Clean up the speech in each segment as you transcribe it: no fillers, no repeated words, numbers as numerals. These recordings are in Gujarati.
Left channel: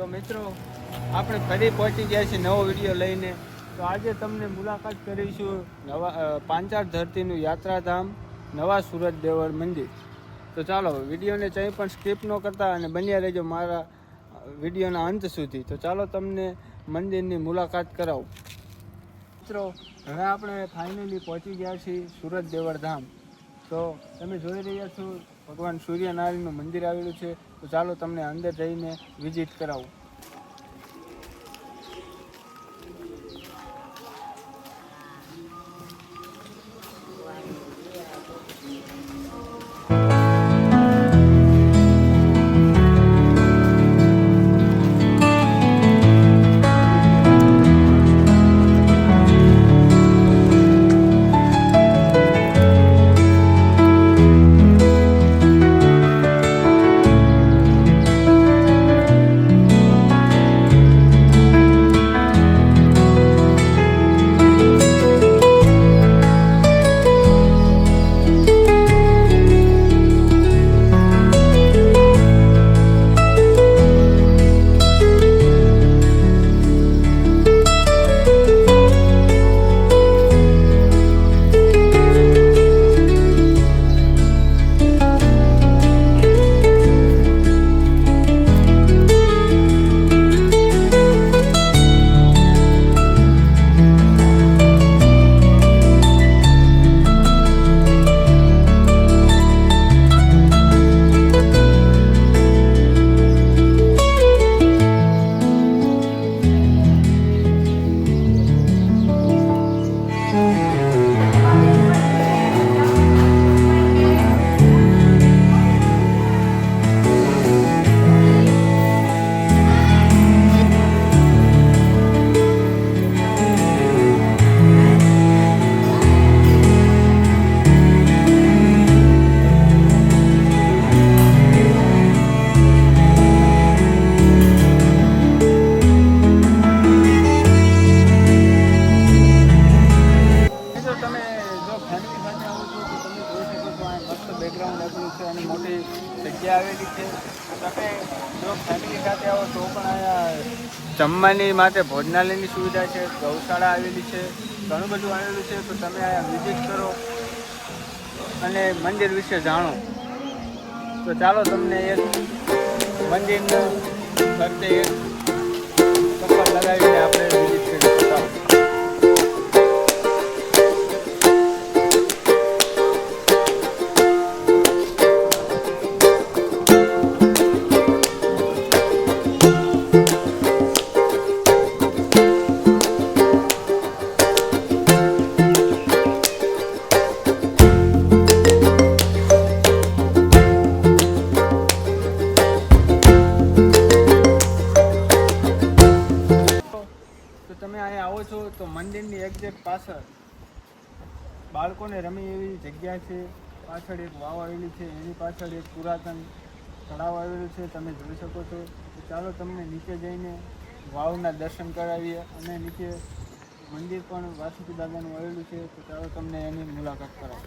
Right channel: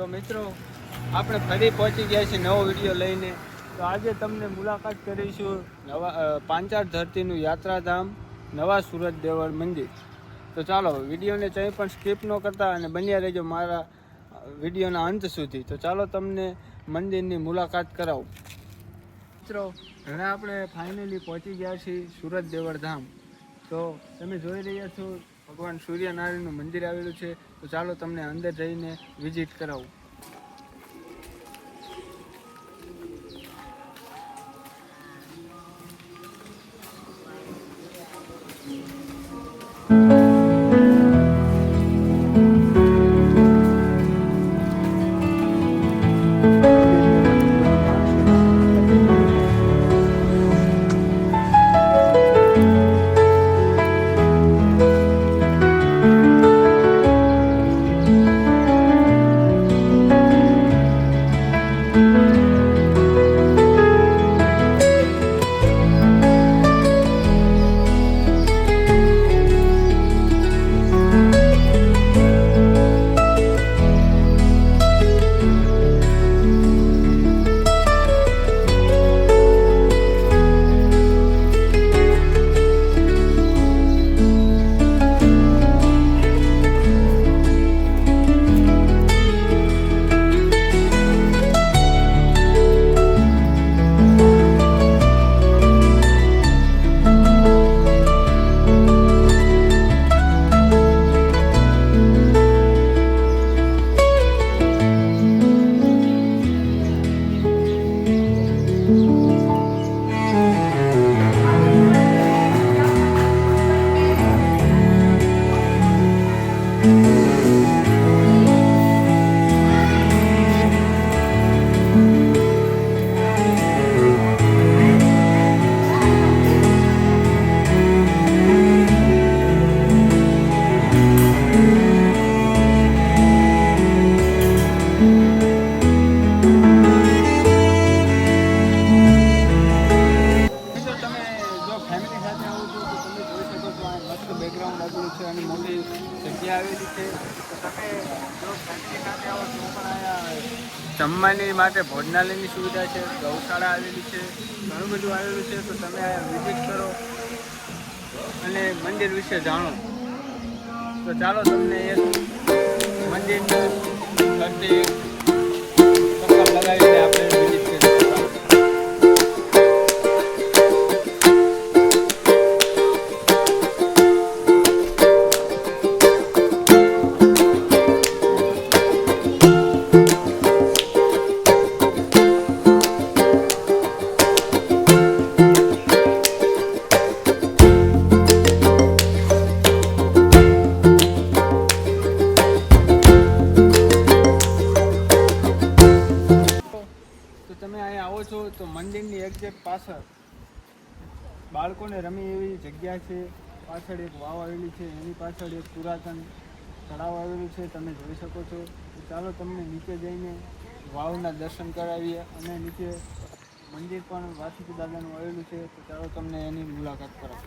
તો મિત્રો આપણે ફરી પહોંચી ગયા છીએ નવો વિડીયો લઈને. તો આજે તમને મુલાકાત કરીશું પાંચાળ ધરતીનું યાત્રાધામ નવા સુરત દેવળ મંદિર. તો ચાલો વિડીયોને કંઈ પણ સ્કીપ ન કરતા અને બન્યા રહેજો મારા વિડીયોના અંત સુધી. તો ચાલો તમને મંદિરની મુલાકાત કરાવું. મિત્રો હવે આપણે ફાઇનલી પહોંચી ગયા છીએ સુરત દેવળ ધામ. તો તમે જોઈ રહ્યા છો ભગવાન સૂર્યનારાયણનું મંદિર આવેલું છે. તો ચાલો તમને અંદર જઈને વિઝિટ કરાવું. ફેમિલી સાથે આવો છો તો તમે જોઈ શકો છો આ મસ્ત બેકગ્રાઉન્ડ આપેલું છે અને મોટી જગ્યા આવેલી છે. તો તમે જો ફેમિલી સાથે આવો તો પણ અહીંયા જમવાની માટે ભોજનાલયની સુવિધા છે, ગૌશાળા આવેલી છે, ઘણું બધું આવેલું છે. તો તમે વિઝિટ કરો અને મંદિર વિશે જાણો. તો ચાલો તમને એક મંદિરનું ફરતે ચક્કર લગાવીને આપણે વિઝિટ કરીએ. તમે અહીંયા આવો છો તો મંદિરની એક્ઝેક્ટ પાછળ બાળકોને રમે એવી જગ્યા છે. પાછળ એક વાવ આવેલી છે, એની પાછળ એક પુરાતન તળાવ આવેલું છે, તમે જોઈ શકો છો. તો ચાલો તમને નીચે જઈને વાવના દર્શન કરાવીએ અને નીચે મંદિર પણ વાસુકી દાદાનું આવેલું છે. તો ચાલો તમને એની મુલાકાત કરાવો.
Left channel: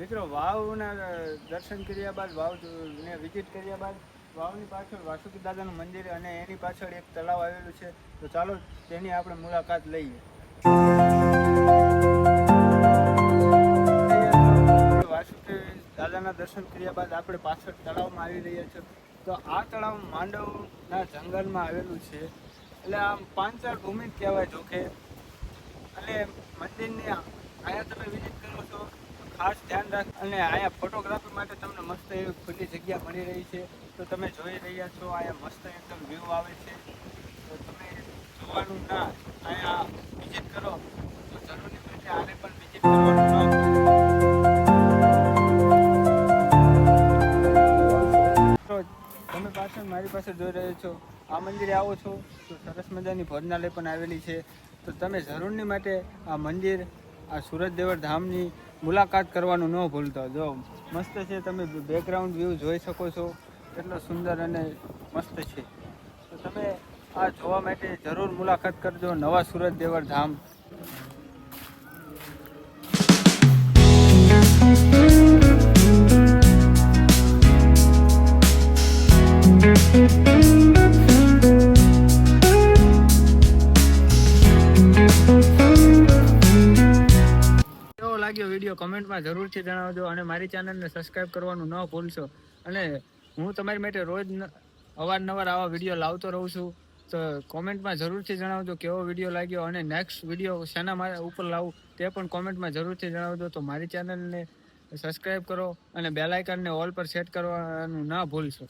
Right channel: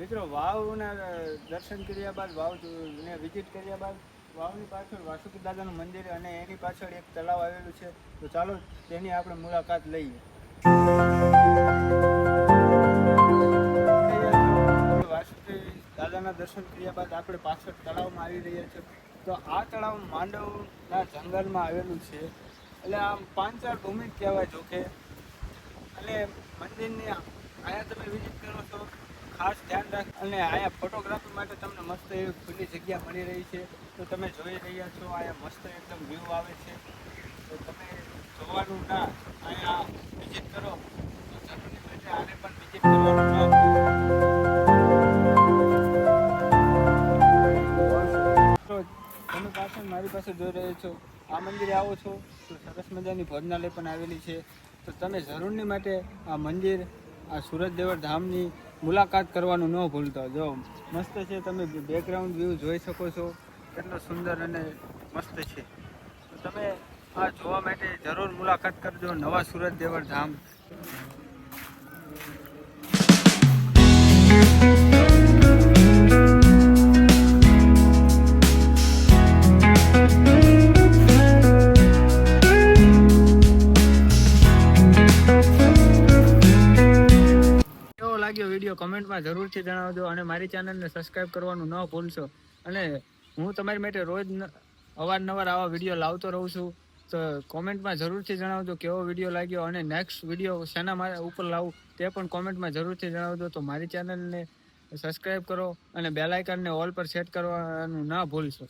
મિત્રો વાવના દર્શન કર્યા બાદ વાવને વિઝિટ કર્યા બાદ વાવની પાછળ વાસુકી દાદાનું મંદિર અને એની પાછળ એક તળાવ આવેલું છે. તો ચાલો તેની આપણે મુલાકાત લઈએ. વાસુકી દાદાના દર્શન કર્યા બાદ આપણે પાછળ તળાવમાં આવી રહ્યા છીએ. તો આ તળાવ માંડવના જંગલમાં આવેલું છે. એટલે આમ પાંચાળ ભૂમિ કહેવાય જોકે. અને મંદિરની અહીંયા તમે વિઝિટ કરો છો ખાસ ધ્યાન રાખ. અને અહીંયા ફોટોગ્રાફી માટે તમને મસ્ત એવી ખુલ્લી જગ્યા મળી રહી છે. તો તમે જોઈ રહ્યા છો અહીંયા મસ્ત એકદમ વ્યૂ આવે છે. તો તમે જોવાનું ના અહીંયા વિઝિટ કરો તો જરૂરી છે આને પણ વિઝિટ કરવાનું ન. તો તમે પાછળ મારી પાસે જોઈ રહ્યા છો આ મંદિરે આવો છો તો સરસ મજાની ભોજનાલય પણ આવેલી છે. તો તમે જરૂરની માટે આ મંદિર આ સુરત દેવળ ધામની મુલાકાત કરવાનું ન ભૂલતા. જો મસ્ત છે, તમે બેકગ્રાઉન્ડ વ્યૂ જોઈ શકો છો, કેટલો સુંદર અને મસ્ત છે. તો તમે આ જોવા માટે જરૂર મુલાકાત કરજો નવા સુરત દેવળ ધામ. કેવો લાગ્યો વિડીયો કમેન્ટમાં જરૂરથી જણાવજો અને મારી ચેનલને સબસ્ક્રાઈબ કરવાનું ન ભૂલશો. અને હું તમારી માટે રોજ અવારનવાર આવા વિડીયો લાવતો રહું છું. તો કોમેન્ટમાં જરૂરથી જણાવજો કેવો વિડીયો લાગ્યો અને નેક્સ્ટ વિડીયો શેના ઉપર લાવું તે પણ કોમેન્ટમાં જરૂરથી જણાવજો. તો મારી ચેનલને સબસ્ક્રાઈબ કરો અને બેલ આઇકનને ઓલ પર સેટ કરવાનું ના ભૂલશો.